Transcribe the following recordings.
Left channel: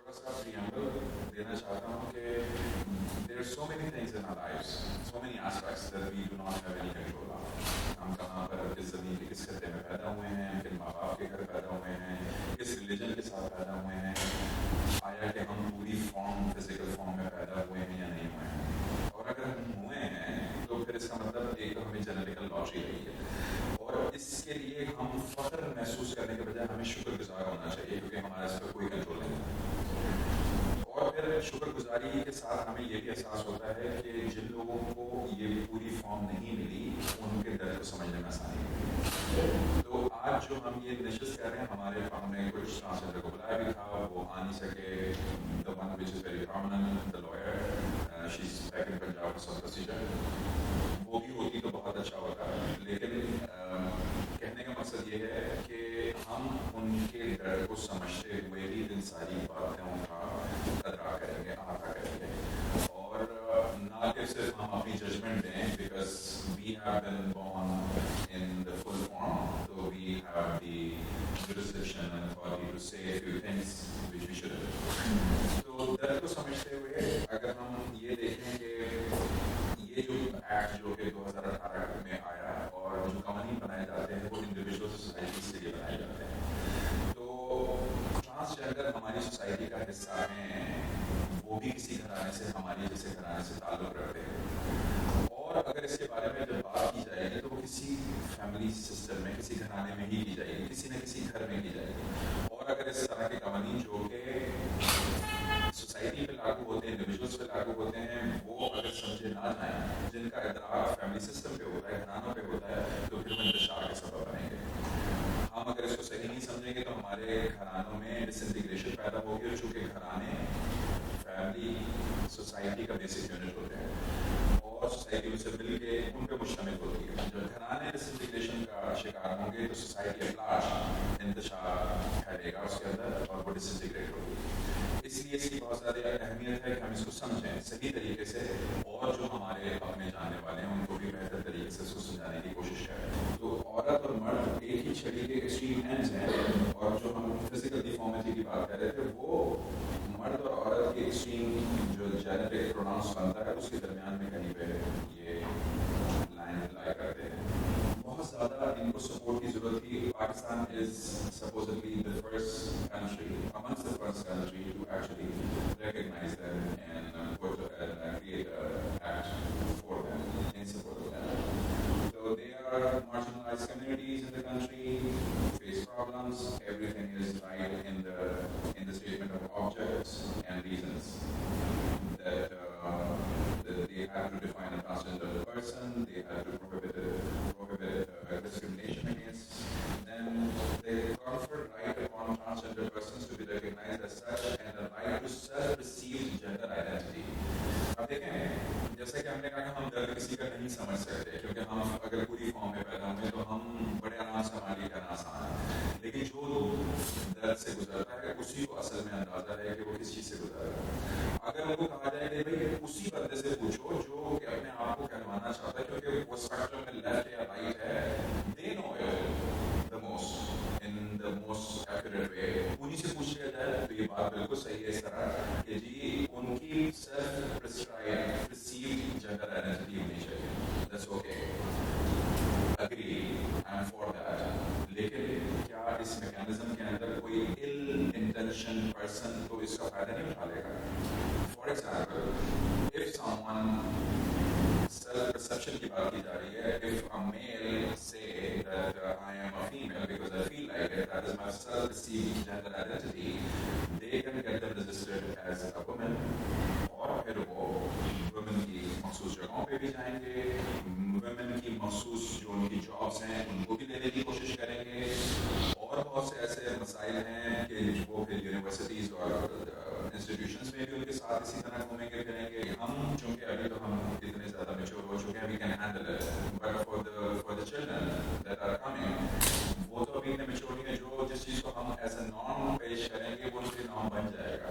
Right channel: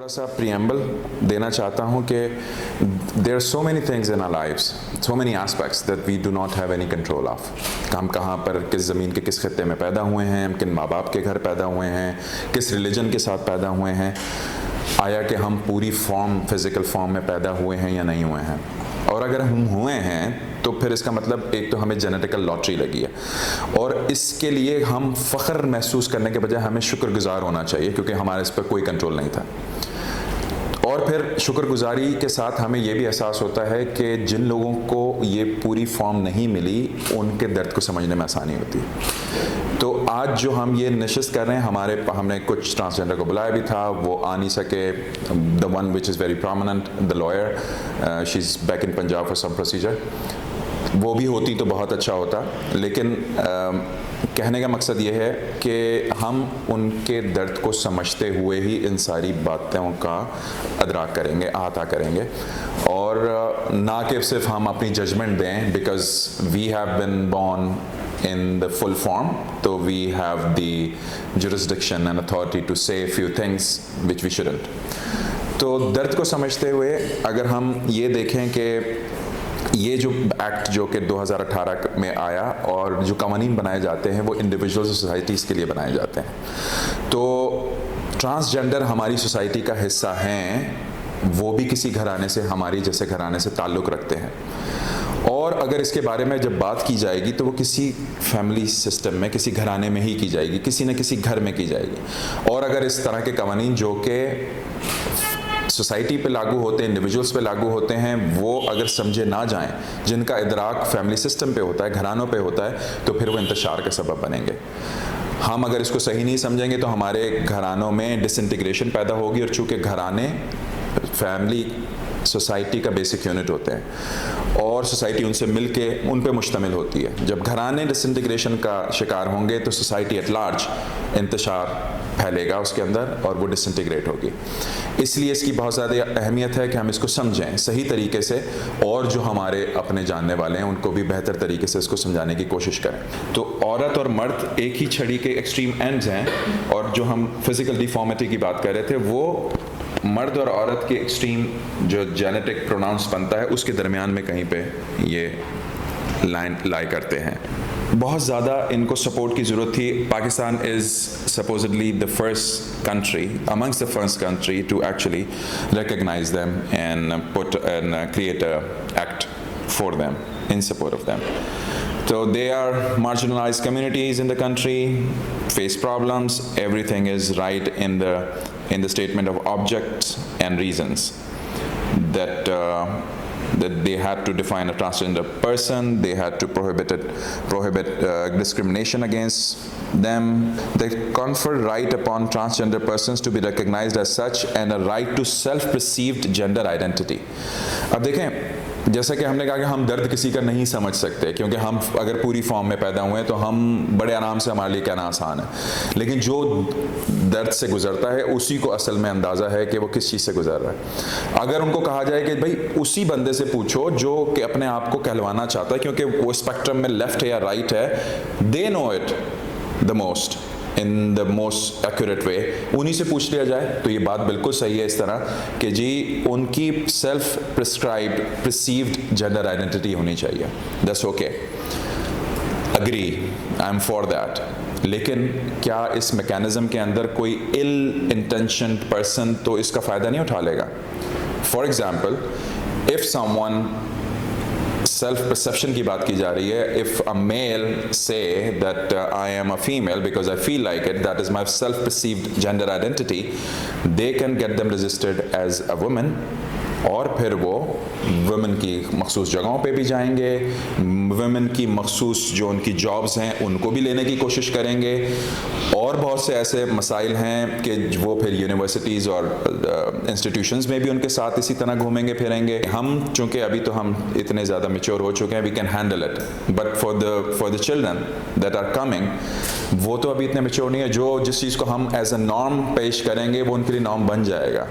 थोड़ा सा प्रियम्बल देना चाहता हूँ कि there are so many things in our lives, so many aspects that we do not have any control of. हम कहाँ पर किस ज़मीन के किस खत्ते में पैदा हुए हैं, हम किन माँ बाप के घर पैदा हुए हैं, किस रिलीजन के साथ पैदा हुए हैं, आया कि हम पूरी फॉर्म फिज़िकल फॉर्म में पैदा हुए हैं या नहीं हुए हैं। और अगर हम हुए हैं तो फिर इसका मतलब एक तो हमें जेनेटिकल लॉटरी लगी है, और इसके लिए हम फ़ख्र महसूस करने के बजाय हमें शुक्रगुजार होना चाहिए क्योंकि हमारे इस पर कोई कंट्रोल नहीं था। और फिर शुक्रगुजारी के साथ हमें ये भी एहसास होता है कि जिन लोगों को ये पूरी फॉर्म नहीं मिली उनके दर्द को समझने में आसानी होती है। तो आज जो हम ये नशिस्त कर रहे हैं, हमने कुछ ट्रांसजेंडर को बुलाया भी था, वो आ नहीं सके। The one which is very prominent, the lawyer, she is back in Punjab for some procedure. वो भी होती तो बहुत अच्छा होता, लेकिन कहने का मकसद ये है कि हम उनके दर्द को समझते हुए ही इन सारी बातों का अदराक करेंगे, अहाता करेंगे, और ना कि सिर्फ हम अपनी जजमेंट दें because we have been born in the full form, तो we have the jurisdiction and authority to say few things which we shouldn't. तो दर्द को समझते हुए अगर हम ये देखें कि ये जो एक्ट जो कि 2018 में आया और जो कानून बनाए जाते हैं वो इंडिविजुअल सोसाइटीज़ के लिए बनाए जाते हैं, तो ट्रांसजेंडर हमारी सोसाइटी का हिस्सा हैं, वो भी किसी घराने से, हमारी जैसे घराने से ताल्लुक़ रखते हैं। और अगर इसके बारे में जब बात की जाएगी तो वो किसी फैमिली सिस्टम में, किसी घराने में ही की जाएगी, किसी न किसी घर में की जाएगी। और अगर इस तरह के कानून जो कि सोसाइटी पे लागू होते हैं, इंडिविजुअल्स पे लागू होते हैं, वो अगर समझे ना जाएं, जिनका इदराक फैमिली सिस्टम पे होता है, घरानों पे होता है, तो फिर वो इंतशार के सबब बनेंगे। हम अगर इसको सही नहीं समझेंगे तो हमारे घरानों में डिसइंटीग्रेशन पैदा होगी, और चूँकि घराने फैमिली सोसाइटी का बेसिक यूनिट होते हैं और सोसाइटी उनसे मिलके उन पे मुश्तमिल होती है। जब घराने डिसइंटीग्रेशन का शिकार होंगे तो सोसाइटी एट लार्ज इंतशार फैलेगा उसके अंदर और वो डिसइंटीग्रेट होगी। इसलिए इसकी बहुत ज़्यादा अहमियत है कि हम इसको समझें सही तरीके से, और जो हमारे अपने जानने वाले हैं उनको भी बेहतर तरीके से इसको समझाने की कोशिश करें। तो औरत और मर्द एक ही छड़ी के एक्सट्रीम एंड्स हैं, और जो हम फिज़िकल डिफॉर्मिटी की बात कर रहे थे वो मर्द और औरत के एक्सट्रीम जो जेनेटिक प्रोनाउंस बनता है उसके दरमियान में कहीं पे ये लाइन लाई करते हैं। बहुत ज़्यादा इनको सपोर्ट की ज़रूरत थी। Pakistan is supposedly the first country, amongst the first country to actually recognize them and put and create a act for them in support of them. So they are marginalized communities in the country, face problems. Everything is right in the statement of objects and reasons that that they had to define a transgender person, they had to prohibit discrimination against them. They confer right upon transgender persons to be recognized as such and a right to self-perceived gender identity. अब देखें, जैसा कि हमने कहा कि हम दर्द किसी का नहीं समझ सकते क्योंकि हम अगर पूरी फॉर्म में पैदा हुए हैं तो हम बड़े आराम से, हमारे लिए कहना आसान है, लेकिन जो दर्द से गुजरता है उसी को असल में अंदाज़ा है कि वो किस चीज़ से गुजर रहा है। अगर उनको कहा जाए कि भाई उसी बंदे से पूछो जो कि अपने आप को कहलवाना चाहता है क्योंकि वो स्पेक्ट्रम में लेफ्ट है या राइट है, they know it the most in the most accurate way, उन्हीं से पूछ लिया जाए तो ये बात बिल्कुल सही है इस तरह कि जी उनकी self prescribed perceived gender identity होनी चाहिए। That's okay, agree, I am for that. लेकिन क्या इस मैकेनिज्म के अंदर कोई इल इंटेंशन्ड पर्सन तो इसका फ़ायदा नहीं उठा लेगा? For example, if someone, self perception की बात की जा रही है, if a male says that I am a female because I feel like it, that is my self perceived gender identity, they can get them registered as a woman, और फिर वो women की मखसूस जगहों पे भी जाएंगे, वुमेन की मखसूस जो उनकी जॉब्स हैं उनको भी लेने की कोशिश करेंगे, और बहुत से ऐसे मसाइल हैं कि वो फिर यूनिवर्सिटीज़ और इंस्टीट्यूशंस में भी उनके साथ इसी तरह घूमेंगे फिरेंगे। हम चूँकि अभी तो हम इतने ज़्यादा मैच्योर हो चुके हैं, we can handle it, but for the children that are coming, वो तो अभी इतने मैच्योर नहीं है। जो जिस चीज़ को हम एज अ नॉर्म पेश करेंगे वो उनके लिए नॉर्म बन जाएगा,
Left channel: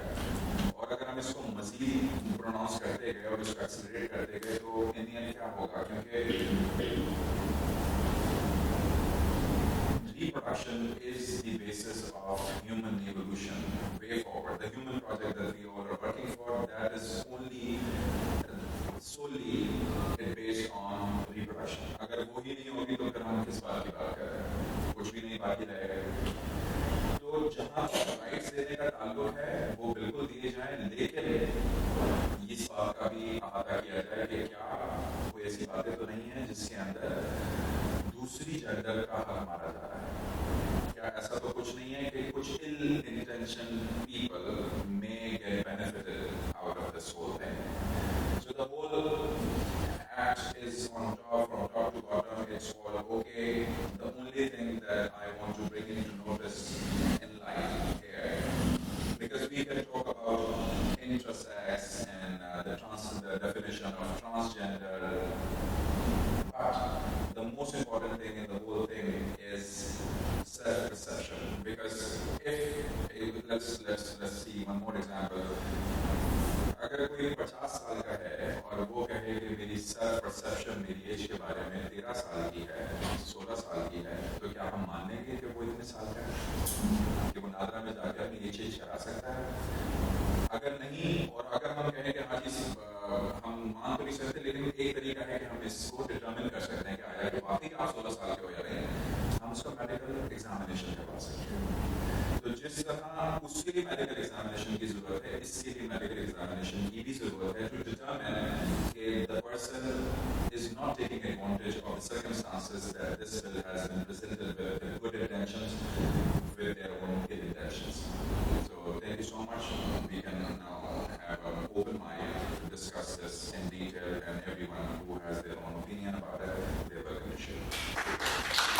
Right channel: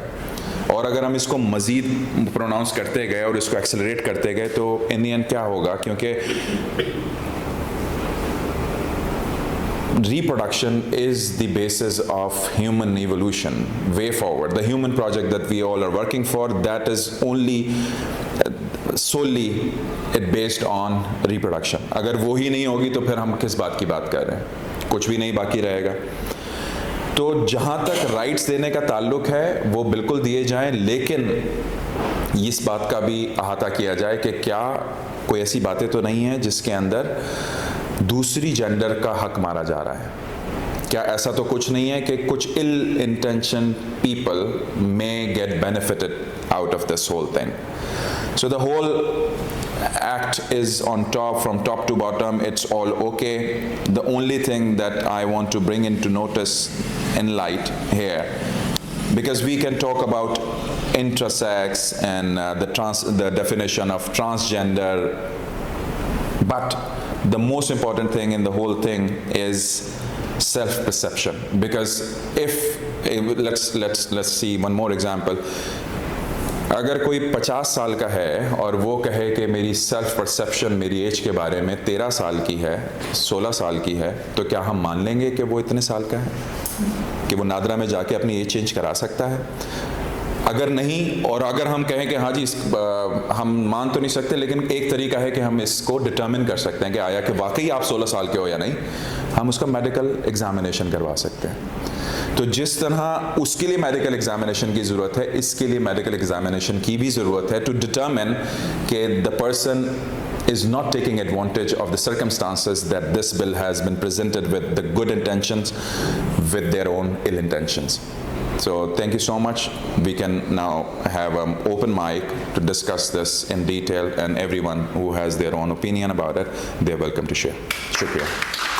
और अगर हम इसको मज़ीद प्रोनाउंस करते गए और इसको एक्सेलरेट करते गए तो इन द एंड क्या होगा, क्योंकि reproduction is the basis of human evolution way forward. The human project that we all are working for, that is only solely it based on reproduction. अगर वो ही नहीं होगी तो फिर हम किस बात की बात कर रहे हैं, कुछ भी नहीं बाकी रहेगा. तो जहाँ तक राइट्स देने का ताल्लुक है वो बिल्कुल दिए जाएं, लेकिन इस बात का भी अहाता किया जाए कि क्या कोई ऐसी बातें तो नहीं है जिसके अंदर दूसरी जेंडर का हक मारा जा रहा है. क्या ऐसा तो कुछ नहीं है कि कुछ ill intention people may get benefited out of this whole thing. So the whole act is on top, from top to bottom, it's all okay. The only thing that I want to bring into notice in light here, because we can talk about intersex and the definition of transgender, but the most important thing in the whole thing is self-perception. Because let's see one more example. अगर कोई 50 साल का है और वो कहे कि मेरी सेल्फ परसेप्शन मेरी एज के बारे में 13 साल की है, 16 साल की है, तो क्या हम मान लेंगे कि वो इतने साल का है, कि वो नादरा में जाके अपनी एज चेंज करा सकता है? अगर नहीं, और अगर हम कहें कि हाँ जी हम मान तो नहीं सकते, लेकिन एक तरीका है कि हम इसको डिटर्मिन कर सकते हैं कि आया कि वाकई आप 16 साल के हो या नहीं, हम उसका मेडिकल एग्जामिनेशन करवा सकते हैं. तो जिस तरह उसके लिए मेडिकल एग्जामिनेशन की ज़रूरत है, इसके लिए मेडिकल एग्जामिनेशन की भी ज़रूरत है टू डिटर्मिन कि the person is not taking advantage of the circumstances that this bill has been presented with the good intentions with their own ill intentions. So thank you so much. We can now have an open mic to discuss this in detail, and everyone who has their own opinion about it, they're welcome to share. Shukriya.